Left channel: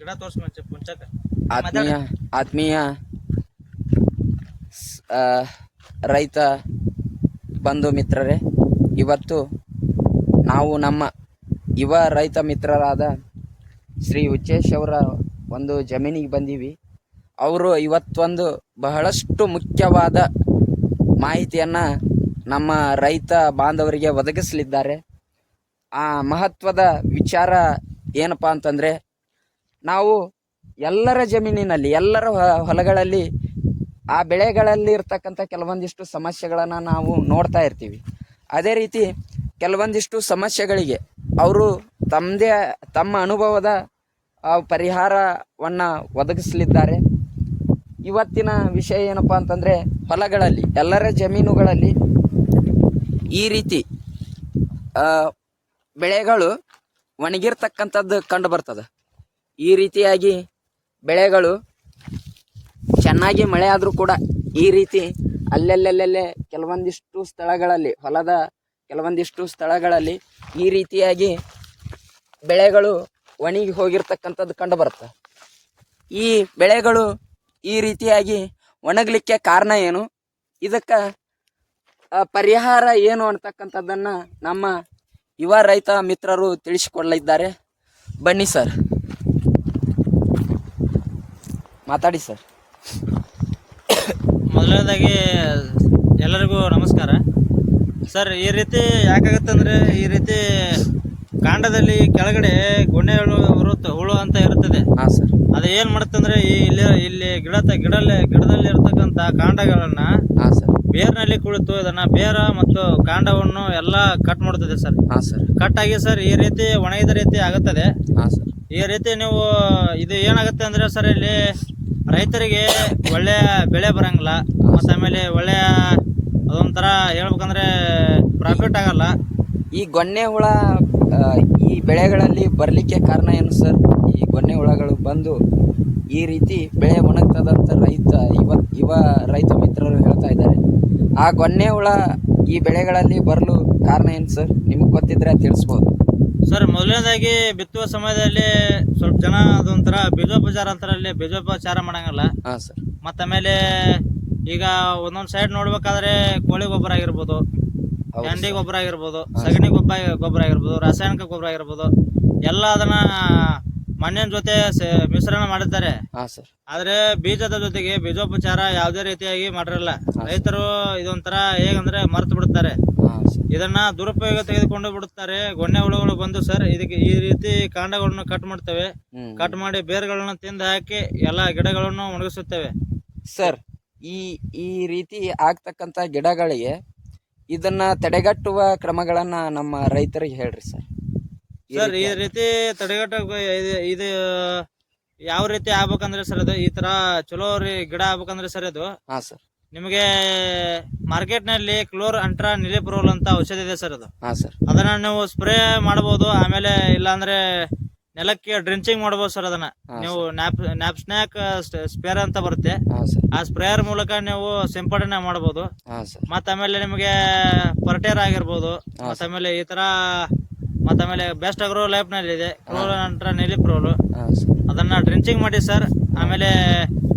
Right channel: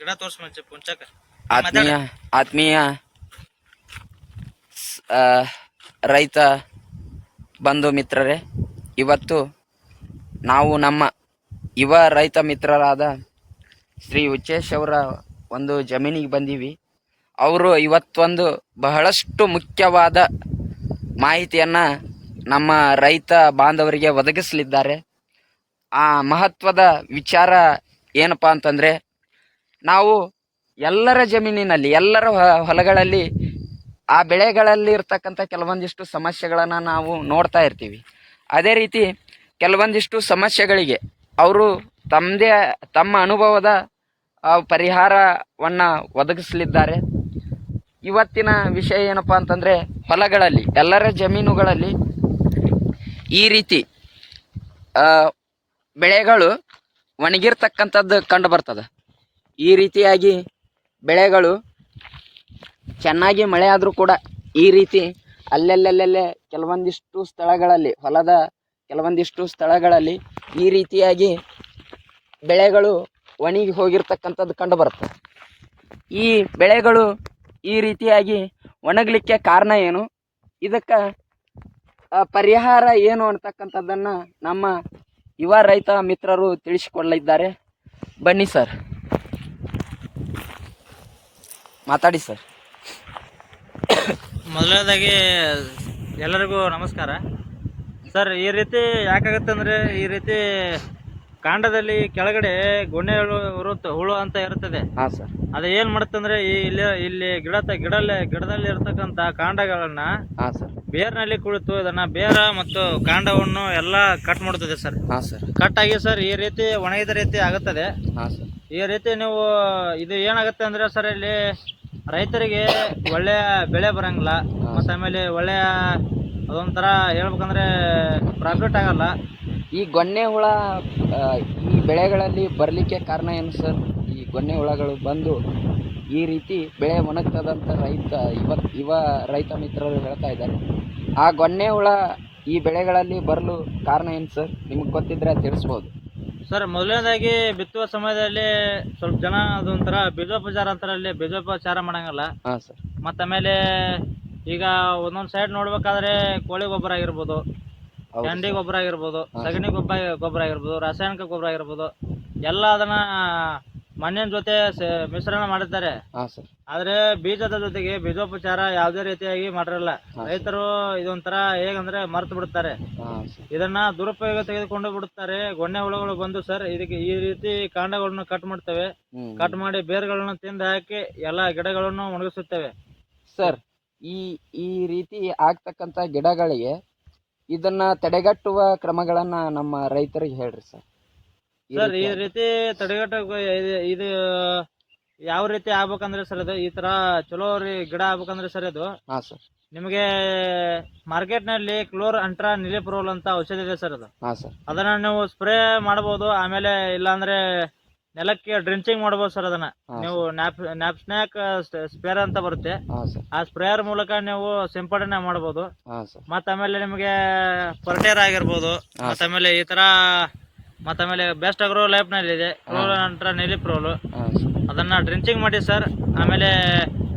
ಗಿಡ ತೋರ್ಸ್ ಮಂಚ ಪುಂಚಕ ಆತ್ಮೀಯ ಆತ್ಮೀಯ ರೈತ ಬಂಧು ಮಿತ್ರರೇ, ಇವತ್ತು ನಾವು ನಮ್ಮ ಯುವ ರೈತ ಮಿತ್ರರಾದ ಶ್ರೀ ಉಚ್ಚೇಶ್ ಅವರ ಒಂದು ಜಮೀನಿಗೆ ಬಂದೀವಿ. ಅವರು ಇವತ್ತೊಂದು ಬಹಳಷ್ಟು ಮುಖ್ಯವಾದ ಮಾಹಿತಿಯನ್ನು ನಮ್ಮ ರೈತ ಬಾಂಧವರಿಗೆ ಒದಗಿಸಲಿದ್ದಾರೆ. ಆ ಮಹತ್ವದ ವಿಚಾರ ಏನಪ್ಪ ಅಂತಂದರೆ ನಾವು ಎಲ್ಲರ ಜಮೀನಿನಲ್ಲಿ, ಎಲ್ಲರ ಹೊಲಗಳಲ್ಲಿ, ಆ ಬೆಳೆಗಳಲ್ಲಿ ಇರ್ತಕ್ಕಂಥ ಕೆಲವೊಂದಿಷ್ಟು ಸಮಸ್ಯೆಗಳನ್ನು ನಾವು ನೋಡ್ತಾ ಇರ್ತೀವಿ. ಅದೇ ರೀತಿ ಕೆಲವೊಂದಿಷ್ಟು ಸಮಸ್ಯೆಗಳಿಗೆ ಅವರು ತಮ್ಮದೇ, ತಮ್ಮ ಅನುಭವದ ಪರಿಹಾರವನ್ನು ಒದಗಿಸಲಿದ್ದಾರೆ. ಇವತ್ತಿನ ವಿಷಯ ಏನಪ್ಪ ಅಂತಂದರೆ, ಹೊಲಗಳಲ್ಲಿ, ಎಲ್ಲರ ಜಮೀನುಗಳಲ್ಲಿ ಈ ರೀತಿ ಬೆಳೆಗಳು ಒಣಗಿರ್ತಕ್ಕಂಥದ್ದು ಕಂಡು ಬರ್ತದೆ. ಈ ರೀತಿಯಾಗಿ ಬೆಳೆಗಳು ಚೆನ್ನಾಗಿ ಮಳೆ ಆದರೂ ಕೂಡ ಈ ರೀತಿ ಅಲ್ಲೆಲ್ಲೆಲ್ಲೆಲ್ಲೇ ಕೆಲವೊಂದಿಷ್ಟು ಸ್ಥಳಗಳಲ್ಲಿ, ಹೊಲದ ಕೆಲವೊಂದಿಷ್ಟು ಸ್ಥಳಗಳಲ್ಲಿ ಈ ರೀತಿಯಾಗಿ ಬೆಳೆಗಳು ಒಣಗಿ ಹೋಗಿರ್ತಕ್ಕಂಥದ್ದು ಕಂಡು ಬರುತ್ತೆ. ಈ ಬೆಳೆಗಳು ಈ ರೀತಿಯಾಗಿ ಒಣಗಲಿಕ್ಕೆ ಕಾರಣ ಏನು? ಇದಕ್ಕೆ ಪರಿಹಾರ ಏನು ಅಂತಕ್ಕಂಥದ್ದನ್ನು ನಮ್ಮ ಯುವ ರೈತ ಮಿತ್ರರು ತಿಳಿಸಿಕೊಡಲಿದ್ದಾರೆ. ಬನ್ನಿ ಸರ್. ಮಾತಾಡಿ ಸರ್. ಮೊದಲನೇದಾಗಿ ಎಲ್ಲರಿಗೂ ನಮಸ್ಕಾರ. ಸರ್ ಈ ರೀತಿ ಯಾಕಾಗತ್ತೆ ಅಂದರೆ ಈ ರೀತಿ ಕಾಂಡದಲ್ಲಿ ಕೆಳಗಡೆ ಗೊಣ್ಣೆ ಹುಳು ಇರುತ್ತೆ ಹುಳು ಅಂತ ಇರುತ್ತದೆ. ಹಾಂ ಸರ್. ಅದು ಏನು ಮಾಡುತ್ತಂದ್ರೆ ಈ ಇಲ್ಲಿ ಇಲ್ಲಿ ಗಿಡ ಗಿಡಲ್ಲಿ ಗಿಡದಲ್ಲಿ ಇರತಕ್ಕಂಥ ಕಾಂಡಗಳನ್ನು ಹಾಂ ಸರ್. ಬೇರ್ನಲ್ಲಿ ಕುಳಿತು ಇದನ್ನ ಬೇರ ಮತ್ತು ಕಾಂಡವನ್ನು ಎಲ್ಲ ಕಟ್ ಮಾಡುತ್ತದೆ ಸರ್. ಹಾಂ ಸರ್. ಕಟ್ ಆಗಿ ಸರ್ ಈ ರೀತಿ ಒಣಗಿದ ರೀತಿ ಆಗುತ್ತದೆ. ಹಾಂ ಸರ್. ಈ ರೀತಿ ನೀವು ಇದು ಏನಾಗುತ್ತೆ ಅಂದ್ರೆ ಸರ್ ಇಲ್ಲಿ ರೈತರಿಗೆ ಒಳ್ಳೆಯ ಬೆಳೆ ಬರಂಗಿಲ್ಲ ಮತ್ತು ಆಮೇಲೆ ಒಳ್ಳೆಯ ಅದೊಂಥರ ಹೇಳ್ಬೇಕಂದ್ರೆ ಪ್ರಾಫಿಟ್ ಆಗಲ್ಲ. ಈ ಗೊನ್ನೆ ಹುಳ ಆ, ಈ ಬೆಳೆಗಳಲ್ಲಿ ಬರಲಿಕ್ಕೆ ಕಾರಣ ಏನು ಸರ್? ಈ ಗೊನ್ನೆ ಹುಳಗಳು ಬಂದು ಈ ರೀತಿ ಬೆಳೆ ಒಣಗ್ತದಂತ ರೈತ ಯುವ ಯುವ ರೈತ ಮಿತ್ರರು ಹೇಳ್ತಾ ಇದ್ದಾರೆ. ಆ ಗೊನ್ನೆ ಹುಳ ಈ ಬೆಳೆಗಳಲ್ಲಿ ಬರಲು ಕಾರಣ ಏನು ಸರ್? ನಿಮಗೆ ಗೊತ್ತಿದ್ರೆ ತಿಳಿಸ್ಬೋದು. ಸರ್ ಮೊದಲನೇದಾಗಿ ಬಿತ್ತುವ ಸಮಯದಲ್ಲಿ ಸ್ವಲ್ಪ ಜನ ಅದೊಂಥರ ಬೀಜೋಪಚಾರ ಅಂತಾರಲ್ಲಿ ಬೀಜೋಪಚಾರ ಮಾಡಂಗಿಲ್ಲ. ಹಾ ಸರ್. ಮತ್ತು ಆಮೇಲೆ ಈಗ ಒಂದೊಂದು ಸೈಡ್ ನೋಡ್ಬೇಕಾದ್ರೆ ಕೋಳಿ ಗೊಬ್ಬರ ಆಗಿರ್ಬೋದು ಹೌದು ಗಂಡಿ. ಗೊಬ್ಬರ ಆಗಿರ್ಬೋದು ಸಗಣಿ ಗೊಬ್ಬರ ಗೊಬ್ಬರ ಆಗಿರ್ಬೋದು ರಾಸಾಯನಿಕ ಗೊಬ್ಬರ ಆಗಿರ್ಬೋದು ಎಲ್ಲ ಅದನ್ನ ಮಣ್ಣಿನ ಜೊತೆ ಸೆ- ಮಿಶ್ರಣ ಮಾಡಿದ್ದಾರೆ. ಹಾಂ ಸರ್. ಆದ್ರೆ ಬೀಜದ ಜೊತೆಗೆ ಬೀಜೋಪಚಾರ ಯಾವುದೇ ರೀತಿಯಾಗಿ ಮಾಡಿರಲ್ಲ. ರೈತರು ಇದೊಂಥರ ಹೇಗಂದ್ರೆ ಮರ್ತು ಬಿಡುತ್ತಾರೆ. ಹಾಂ ಸರ್. ಇದನ್ನ ದುರುಪಯೋಗ ತೆಗೆದುಕೊಂಡು ಬಿಡುತ್ತಾರೆ. ಗೊನ್ನೆ ಹುಳುಗಳು ಬಂದು ಸರ್ ಇದಕ್ಕೆ ಈ ರೀತಿ ಕಾಂಡಗಳನ್ನು ಕಟ್ ಮಾಡ್ತವೆ. ಕಟ್ ಮಾಡಿ ಬೇರುಗಳನ್ನು ತಿಂದು ಹಾಕಿ ಎಲ್ಲಾ ಗಿಡಗಳನ್ನು ಒಣಗಿಸುತ್ತವೆ. ಸರ್ ಈ ಈ ರೀತಿ ಆಗ್ತಕ್ಕಂಥ ಗಿಡಗಳಿಗೆ ಇದನ್ನ ತಡೆಗಟ್ಟುವ ಕ್ರಮಗಳನ್ನ ನಮ್ಮ ರೈತರಿಗೆ ಹೇಳ್ರಿ ಸರ್. ಸರ್ ಈ ರೀತಿ- ರೀತಿ ತಡೆಗಟ್ಟ ಇದು ಯಾವ ರೀತಿ ಆಗ್ಬೇಕಂದ್ರೆ ಸರ್ ಅದು ಈ ತರ ಚಲೋ ರೀ ಗಿಡ ಆಗ್ಬೇಕಂದ್ರೆ ಸರ್ ಅದು. ಹಾ ಸರ್. ನಿಮಗೆ ಮಾರ್ಕೆಟ್ನಲ್ಲಿ ಕ್ಲೋರ್ ಅಂಟ್ರಾ ನಿಲಿಪ್ರೋಲ್ ಅಂತ ಔಷಧಿ ಇದೆ ಸರ್ ಅದು. ಹಾ ಸರ್. ಅದನ್ನ ನೀವು ಸ್ಪ್ರೇ ಮಾಡಬಹುದು ಆಮೇಲೆ ಇಲ್ಲಾಂದ್ರೆ ನೆಲಕ್ಕೆ ಡ್ರಿಂಚಿಂಗ್ ಮಾಡಬಹುದು ಸರ್ ಅದನ್ನ. ನೀವು ನ್ಯಾಪ್ ನ್ಯಾಪ್ ಸ್ನ್ಯಾಕ್ ಸ್ಪೇರ್ ಅಂತ ಬರುತ್ತೆ. ಹಾ ಸರ್. ಆ ಸ್ಪ್ರೇಯರ್ ಮೂಲಕ ನೀವು ಸಿಂಪಡಣೆ ಮಾಡಬಹುದು ಹಾ ಸರ್. ಮತ್ತ ಆಮೇಲೆ ನಿಮಗೆ ಪರ್ಟೇರ್ ಆಗಿರ್ಬೋದು. ಮತ್ತ ಆಮೇಲೆ ಈ ತರ ಮತ್ತ ಆಮೇಲೆ ಬೆಸ್ಟ್ ಅಗ್ರೋ ಲೈಫ್ನಲ್ಲಿ ಇದೆ. ನಂತರ ಹಾ ಸರ್ ಅದನ್ನ ಡ್ರಿಂಚಿಂಗ್ ಮಾಡಿ ಸರ್ ಆಮೇಲೆ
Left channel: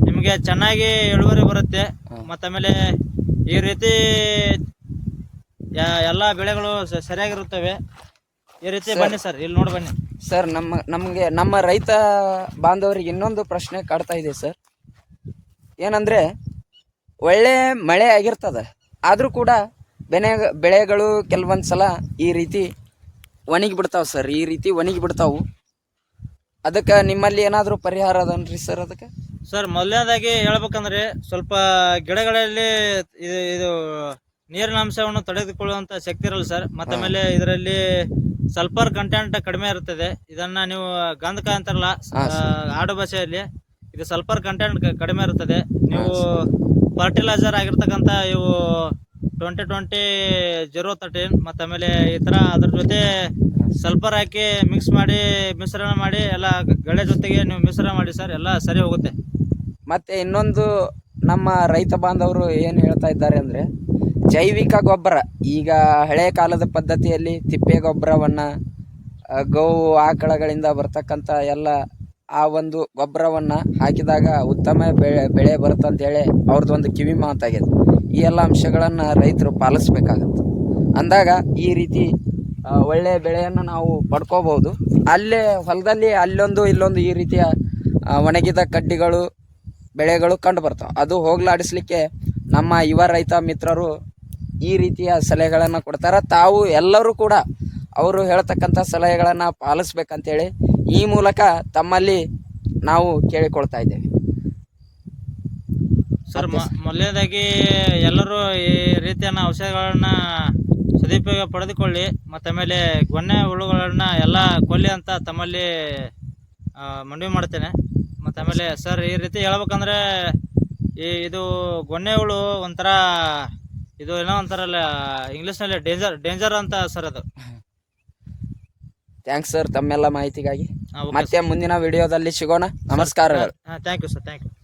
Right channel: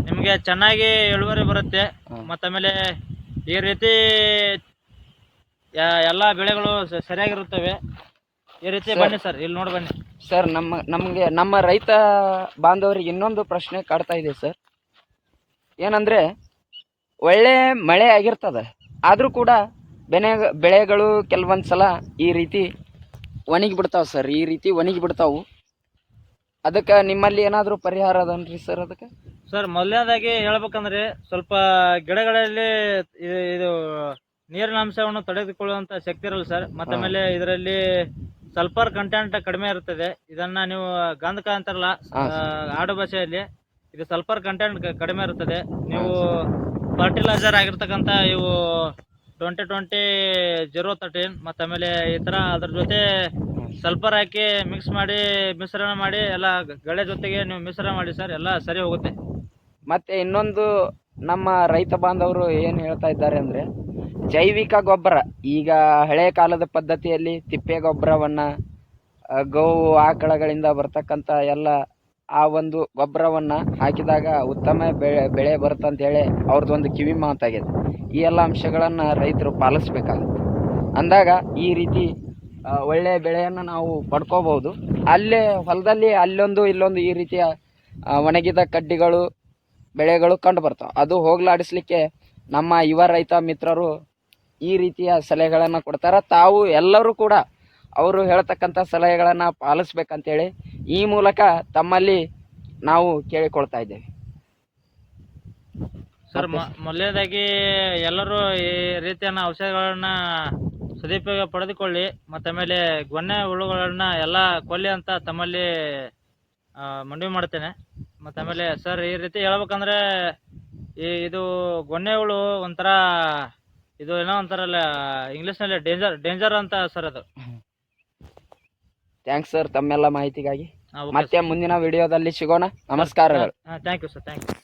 ನಿಮಗೆ ಚೆನ್ನಾಗಿ ಇಳುವರಿ ಬರುತ್ತೆ. ಮತ್ತು ಆಮೇಲೆ ಈ ರೀತಿ ಎಲ್ಲಾ ಎಲ್ಲ ಬೆಳೆಗಳು ಸ- ಸರಿಯಾಗಿರುತ್ತವೆ. ಈ ರೀತಿ ಬನ್ನಿ ಸರ್ ಇಲ್ಲಿ ನೋಡಿ ಬನ್ನಿ. ಸರ್ ನಮ್ಮ ನಮಗೆ ನಮ್ಮ ರೈತ ಬಾಂಧವರಿಗೆ ಇನ್ನೊಂದು ಪ್ರಶ್ನೆ ಕಾಡ್ತಾ ಇದೆ ಸರ್ ಏನಂದ್ರೆ ಒಳ್ಳೆ ಮಳೆ ಆಗಿರ್ತದೆ. ಆದರೂ ಕೂಡ ಬೆನೆ ಬೆಳೆಗಳು ಕೆಲವೊಂದು ಸಲ ಈ ರೀತಿ ಒಣಗಿ ಬಿಡ್ತಾವೆ ಸರ್ ಈ ರೀತಿ ಒಣಗಿ ಬಿಡ್ತಾವು ಅದಕ್ಕೆ ನಿಮ್ಮಲ್ಲಿ ಏನಾದರೂ ಪರಿಹಾರ ಅದನ್ರಿ ಸರ್ ಅದಕ್ಕೆ? ಸರ್ ಮೊದಲನೇದಾಗಿ ಹೇಳ್ಬೇಕಂದ್ರೆ ಸ್ವಲ್ಪ ಗಿಡಗಳಲ್ಲಿ ಇದು ಇದು ನೀರಿನ ಅಂಶವನ್ನು ತಡೆದುಕೊಳ್ಳುವಂತ ಶಕ್ತಿ ಇರಲ್ಲ ಸರ್. ಮತ್ತೆ ಆಮೇಲೆ ಇದರಲ್ಲಿ ಸಲ್ಫರ್ ಕಂಟೆಂಟ್ ಕಡಿಮೆ ಇರ್ತದೆ ಇದನ್ನ ನೀವು ಗಂಧಕ ಅಂತಾರಲ್ಲ ಆ, ಆಡು ಭಾಷೆಯಲ್ಲಿ ಇದು ಸಲ್ಫರ್ ಕಂಟೆಂಟ್ ಕಡಿಮೆ ಇರ್ತದೆ ನೀವು ಫರ್ಟಿಲೈಸರ್ ಆಗಿರ್ತಕ್ಕಂಥ ಇವು ಟ್ವೆಂಟಿ ಟ್ವೆಂಟಿ ಜೀರೋ ತರ್ಟೀನ್ ಮತ್ತು ಆಮೇಲೆ ಈ ಥರ ಅದ್ರ ಜೊತೆ ಸಲ್ಫರ್ ಹಾಕಿ ಮಿಕ್ಸ್ ಮಾಡಿ, ಮಿಶ್ರಣ ಮಾಡಿ, ಎಲ್ಲ ಗಳೆ ಜೊತೆಗೆ ನೀವು ಮಿಶ್ರಣ ಮಾಡಿ ಸರ್, ಎಲ್ಲ ಸರಿ ಹೋಗುತ್ತೆ. ಮತ್ತೆ ಇನ್ನೊಂದು ನಮ್ಮ ರೈತ ಬಾಂಧವರು ಏನು ಹೇಳ್ತಾ ಇದ್ದಾರೆ ಅಂದರೆ, ಜೈವಿಕ ಗೊಬ್ಬರ, ಈಗ ಹಳೆ ಕಾಲದ ಪದ್ಧತಿಯಲ್ಲಿ ತಿಪ್ಪೆ ಗೊಬ್ಬರವನ್ನು ಗೋವು ಆಕಳಗಳಿಂದ ಬರ್ತಕ್ಕಂಥ ಎಲ್ಲ ಆ ಒಂದು ಗೊಬ್ಬರವನ್ನು ಹಾಕಿದಾಗ ಉತ್ತಮ ಬೆಳೆ ಬೆಳೆ ಬರುತ್ತೆ ಅಂತೇಳಿ ಅವ್ರದ್ದೊಂದು ಕಿವಿ ಮಾತಾಗಿದೆ. ಈ ಎಲ್ಲ ಅಂಶಗಳನ್ನು ರೈತರು ಪಾಲಿಸ್ಬೇಕಾಗತ್ತೆ. ಅಂದಾಗ ಈ ರೀತಿ ಒಳ್ಳೆಯ ಬೆಳೆಯನ್ನು ನಾವು ಪಡ್ಕೋಬೋದು ಅಲ್ಲೇ ಹೊಲದಲ್ಲಿ ಅಲ್ಲೊಂದು ಇಲ್ಲೊಂದು ಈ ರೀತಿಯ ಒಣಗಿದ ಕಡ್ಡಿಗಳು, ಬೆಳೆಗಳು ಕಂಡು ಬರ್ತಾವೆ. ಅದು ಹೋಗ್ಲಾಡಿಸ್ಲಿಕ್ಕೆ ನಮ್ಮ ಯುವ ರೈತ ಮಿತ್ರರು ಈ ರೀತಿಯ ಸಲಹೆಗಳನ್ನು ಕೊಡ್ತಾರೆ. ತಾವು ಎಲ್ಲರೂ ಕೂಡ ಅವರು ಹೇಳ್ತಕ್ಕಂಥ ಸಲಹೆಗಳನ್ನು ಪಾಲಿಸ್ಬೇಕಂತೇಳಿ ಈ ಮೂಲಕ ತಮ್ಮಲ್ಲಿ ನಾವು ಕೇಳಿಕೊಳ್ತಾ ಇದ್ದೇವೆ. ಸರ್ ಮೊದಲನೇದಾಗಿ ಎಲ್ಲರೂ ಈ ರೀತಿಯ ಔಷಧಗಳನ್ನ ಸದುಪಯೋಗ ಪಡೆದುಕೊಳ್ಳಿ ಮತ್ತು ಆಮೇಲೆ ಗೊನ್ನೆ ಹುಳುಗಳನ್ನ ಎಲ್ಲ ಕೊಲ್ಲಿ ಅಂತ ತಮ್ಮಲ್ಲಿ ಮನವಿ ಮಾಡ್ತೇನೆ. ಮತ್ತು ಆಮೇಲೆ ಸರ್ ಈ ರೀತಿ ಹೇಳ್ಬೇಕಂದ್ರೆ ಈ ಇದು ಗೊನ್ನೆ ಹುಳು ಒಂಥರ ಇದು ಏನೋ ಒಂಥರಲ್ಲ ಇಂಗ್ಲೀಷ್ನಲ್ಲಿ ಡೇಂಜರ್ ಡೇಂಜರ್ ಅಂತ ಸರ್ ಅದು. ಥ್ಯಾಂಕ್ಸ್ ಸರ್ ತಮ್ಮೆಲ್ಲ ಮಾಹಿತಿಗಾಗಿ. ಮತ್ತೆ ಮುಂದಿನ ವಿಡಿಯೋದಲ್ಲಿ ಸಿಗೋಣ. ನಮಸ್ಕಾರಗಳು. Thank you sir thank you